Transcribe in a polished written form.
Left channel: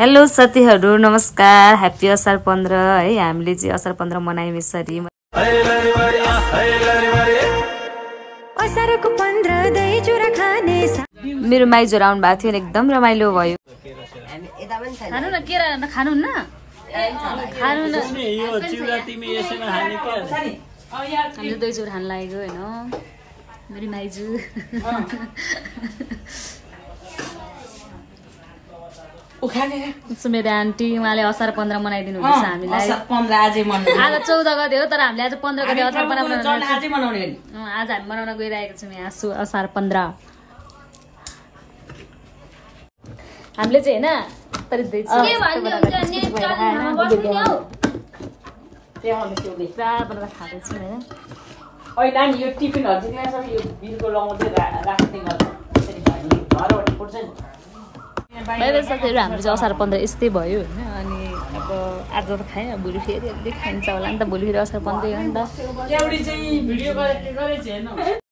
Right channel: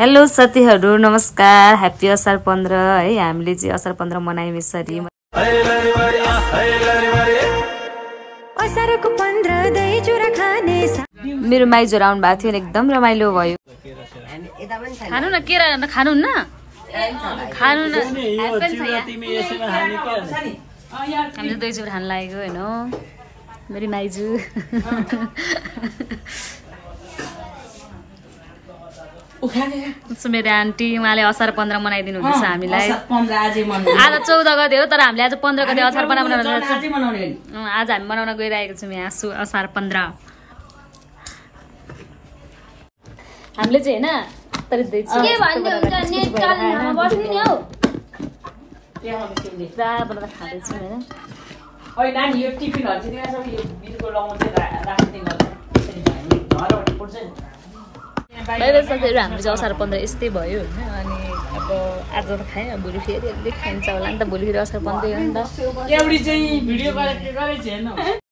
hello साथीहरु नमस्कार happy असार 15 है हामीले चाहिँ असार 15 मनायौं यसरी असारको 15 दही चुरा खाने मेरो माइजोर आउनु भएको थियो एकदम रमाइलो भयो खानु न केरा खानु न खानु न हामीले दही चुरा खान लागेको हैन मेरो माइजु मेरो आन्टी उहाँले असार 15 मनाइदिनु हुँदैछ हामीलाई आज 14 गते हो तर हामीले आज 15 गते असार बनाउन आज हामी मनाउन गइरहेको छौँ यहाँ असार 15 हामीले चाहिँ हैन तर दही चिरा यस्तो बनाएर कुछ भएर हैन पुरा बनाएर खाँदैछौँ हैन ओइ नानी यो टिफिनहरु चाहिँ सबै यो बिर्को लाउनु चाहिँ राख्दिनु गर्छ त्यसरी भयो घरबाट पुर्छ बाहिर साथीहरु हाम्रो चाहिँ असार 15 यस्तै भयो हैन अनि अब आज त खाएँ अब भोलि फेरि अलि खाइन्छ होला नि त भोलि फेरि असार 15 हो नि त एउटी चाहिँ भिडियो गरेको हेर्नु